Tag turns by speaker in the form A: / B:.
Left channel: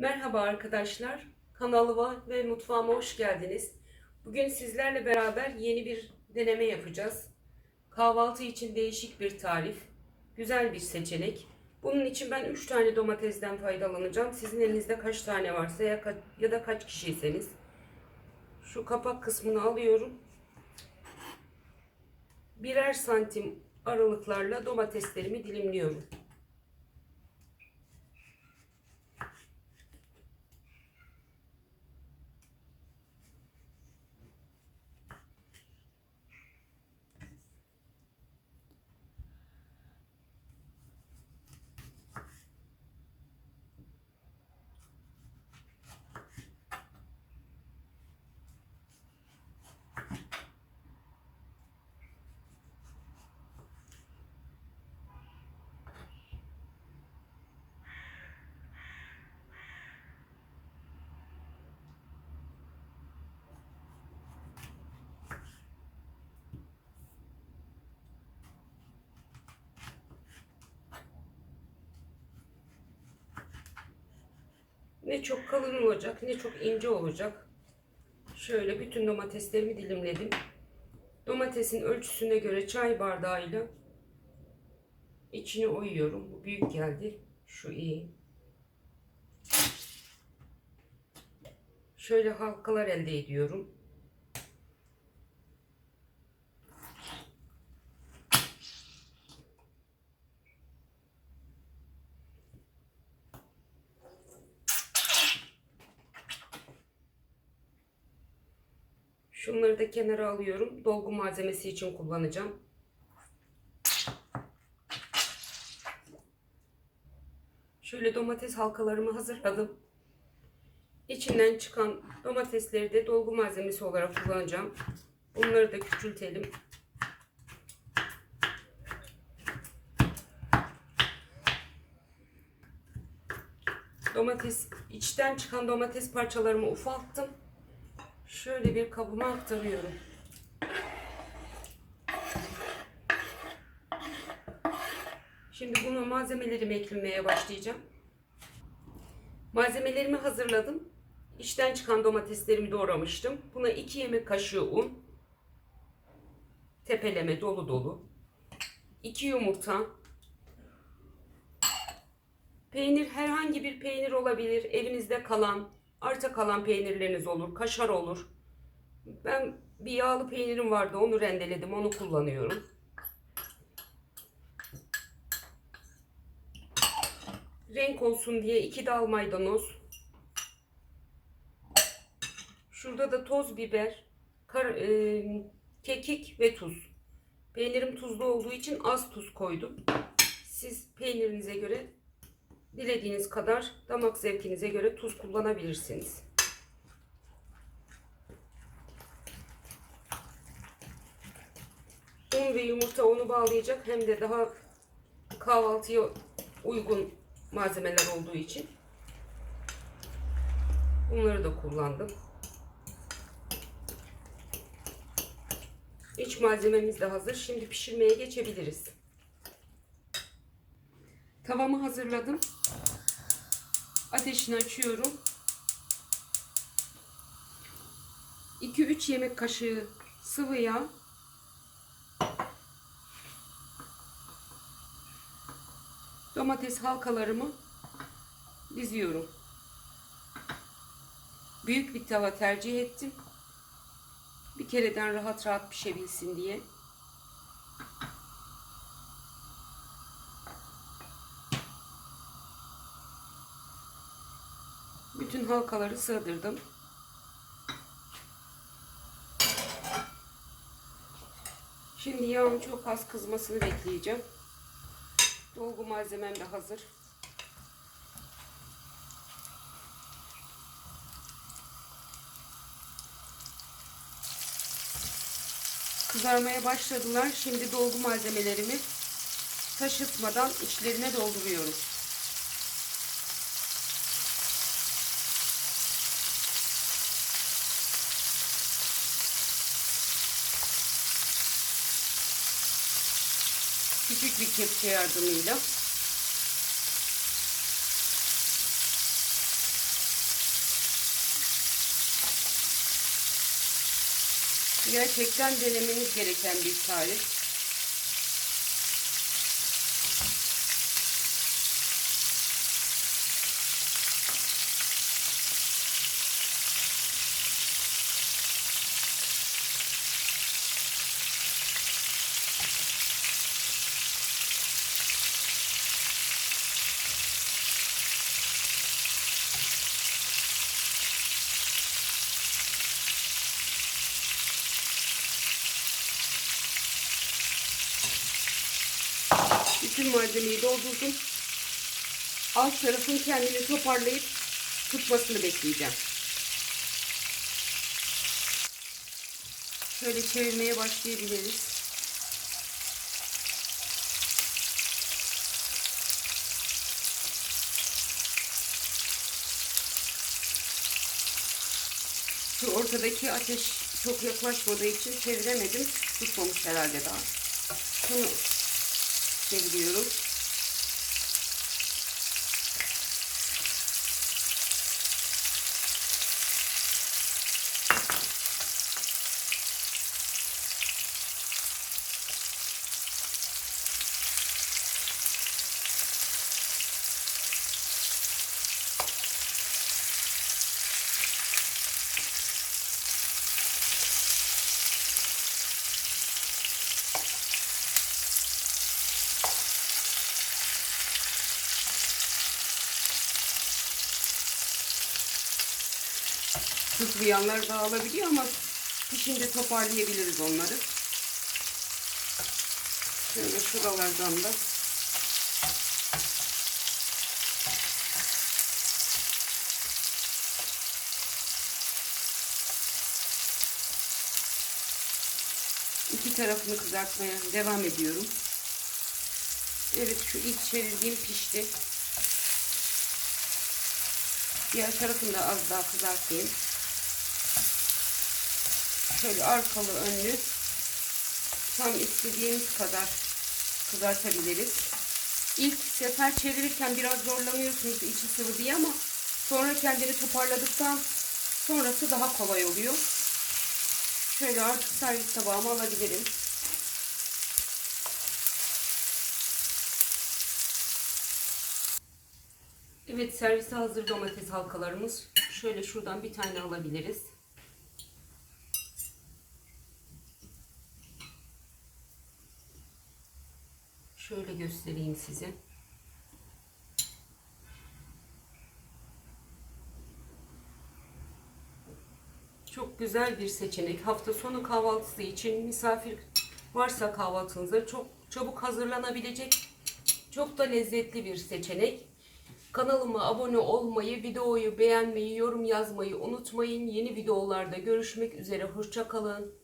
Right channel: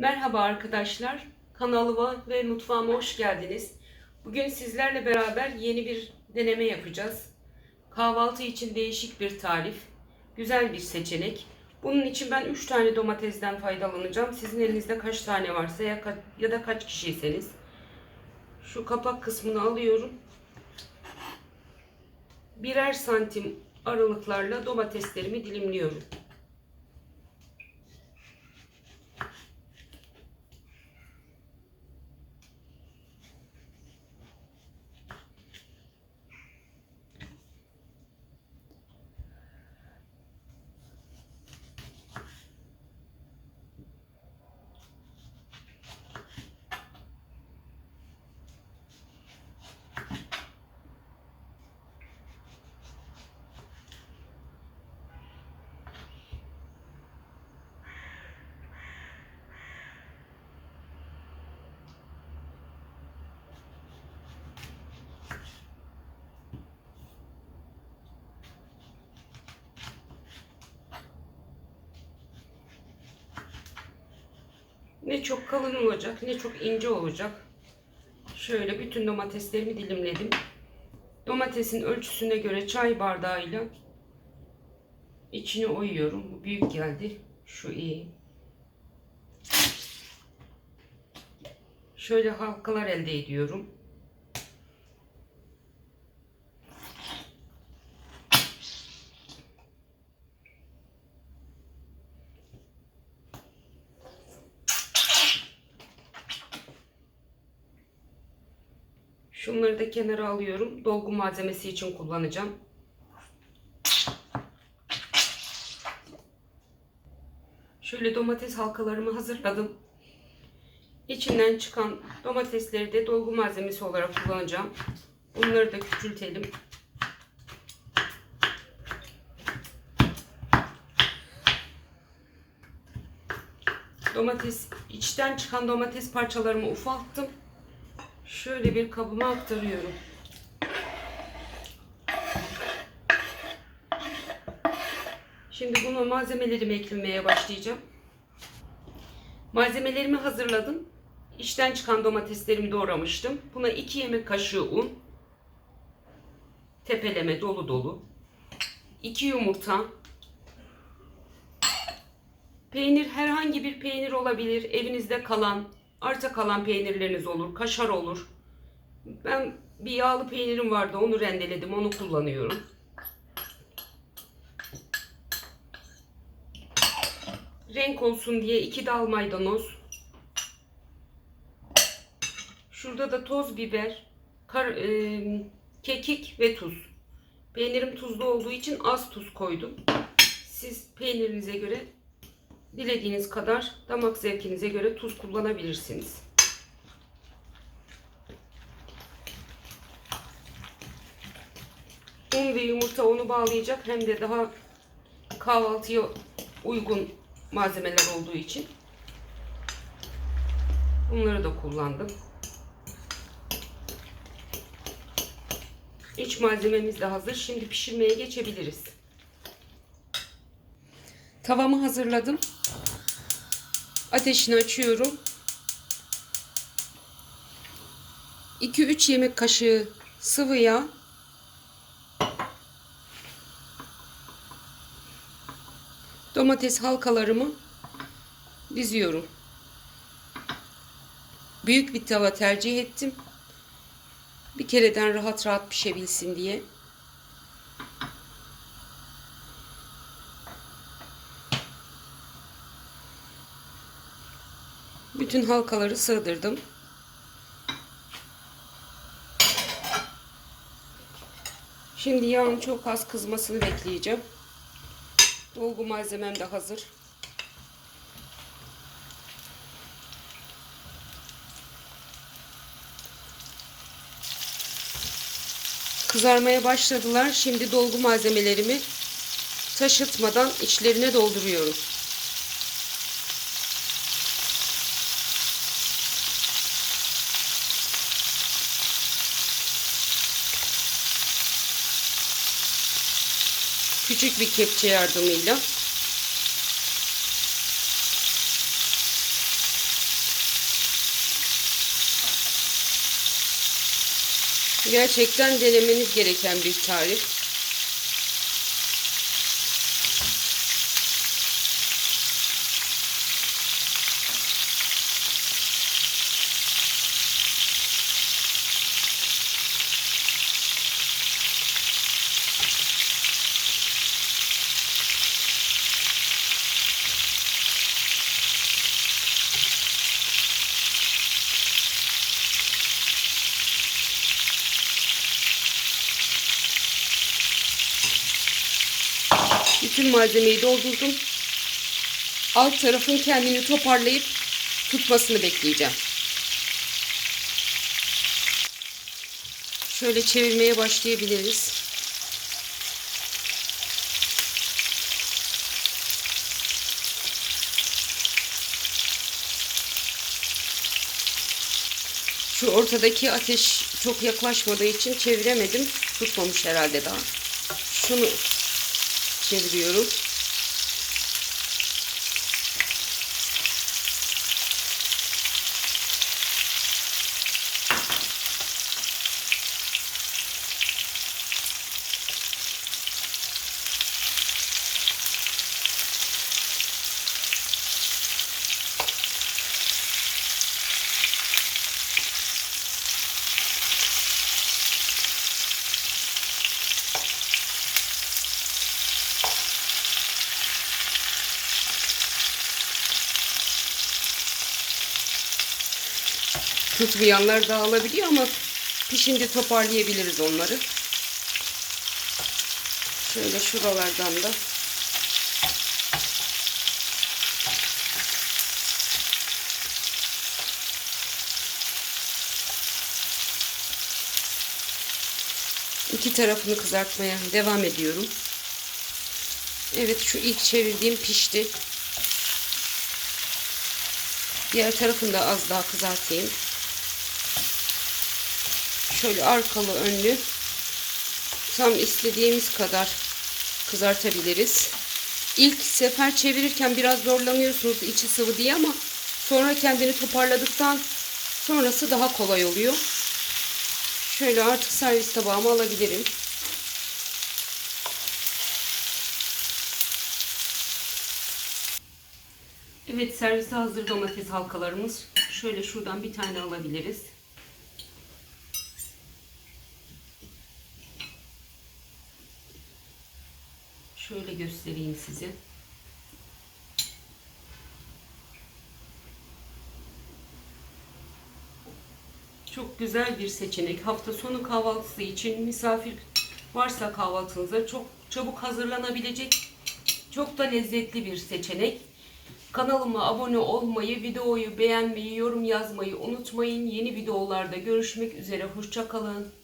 A: Merhaba arkadaşlar. Kanalıma ve mutfağıma hoş geldiniz. Bugün sizlerle beraber yeni bir deneme yapacağız. Kahvaltı için değişik bir tarif. Güzel bir seçenek. Bunun için ben 3 tane domatesden faydalanacağım. Sizin elinizde kaç tane varsa ya, ka- ya da kaç kişiyseniz. Şu kapak kısmını alıyorum. Birer santim aralıklarla domateslerimi dilimliyorum. Ne çok kalın olacak ne çok ince olacak. Şöyle bütün domateslerimi dilimledim. Domatesin ölçüsüne göre çay bardağıyla içine oyuyorum. Bu büyük geldi. Şu iyi. Şöyle halkalar elde ediyorum. Şunları da kenara alıyorum. Dolgu malzemesi için kullanacağım. Şöyle domates halkalarımı hazırladım. İçinden çıkan domatesleri de dolgu malzemesi olarak kullanacağım. Bunları da küçültelim. Domates, içten çıkan domates parçalarımı ufalttım. Şöyle bir kabıma aktarıyorum. Şimdi bunu malzemelerimi eklemeye başlayacağım. Malzemelerimi hazırladım. İçten çıkan domateslerimi doğramıştım. Buna 2 yemek kaşığı un. Tepeleme dolu dolu. 2 yumurta. Peynir herhangi bir peynir olabilir. Evinizde kalan, arta kalan peynirleriniz olur. Kaşar olur. Ben bir yağlı peynirim vardı. Onu rendeledim. Onu kullanıyorum. Renk olsun diye iki dal maydanoz. Şurada da toz biber, kar, e, kekik ve tuz. Peynirim tuzlu olduğu için az tuz koydum. Siz peynirinize göre dilediğiniz kadar damak zevkinize göre tuz kullanabilirsiniz. Un ve yumurta onu bağlayacak hem de daha kahvaltıya uygun malzemeler olduğu için bunları da kullandım. İç malzememiz de hazır. Şimdi pişirmeye geçebiliriz. Tavamı hazırladım. Ateşini açıyorum. 2-3 yemek kaşığı sıvı yağ. Domates halkalarımı diziyorum. Büyük bir tava tercih ettim. Bir kereden rahat rahat pişebilsin diye. Bütün halkaları sığdırdım. Şimdi yağın çok az kızmasını bekleyeceğim. Dolgu malzemem de hazır. Kızarmaya başladılar. Şimdi dolgu malzemelerimi taşıtmadan içlerine dolduruyorum. küçük bir kepçe yardımıyla Gerçekten denemeniz gereken bir tarif. Bütün malzemeyi doldurdum. Alt tarafın kendini toparlayıp tutmasını bekleyeceğim. Şöyle çevirmeye başlayabiliriz. Şu ortadaki ateş çok yaklaşmadığı için çeviremedim. Tutmamış herhalde daha. Şunu çeviriyorum. Tutmayanlar dağılabiliyor ama pişince toparlayabiliriz onları. Şöyle şuralardan da iki tarafını kızartmaya devam ediyorum. Evet şu ilk çevirdiğim pişti. Diğer tarafını da az daha kızartayım. Şöyle arkalı önlü tam istediğimiz kadar kızartabiliriz. İlk sefer çevirirken biraz zorlanıyorsunuz içi sıvı diye ama sonra kendini toparladıktan sonrası daha kolay oluyor. Şöyle artık servis tabağıma alabilirim. Evet servise hazır domates halkalarımız. Şöyle şuradan bir tane alabiliriz. Şöyle göstereyim size. Çok güzel bir seçenek. Hafta sonu kahvaltısı için misafir varsa kahvaltınıza çok çabuk hazırlanabilecek çok da lezzetli bir seçenek. Kanalıma abone olmayı, videoyu beğenmeyi, yorum yazmayı unutmayın. Yeni videolarda görüşmek üzere. Hoşçakalın.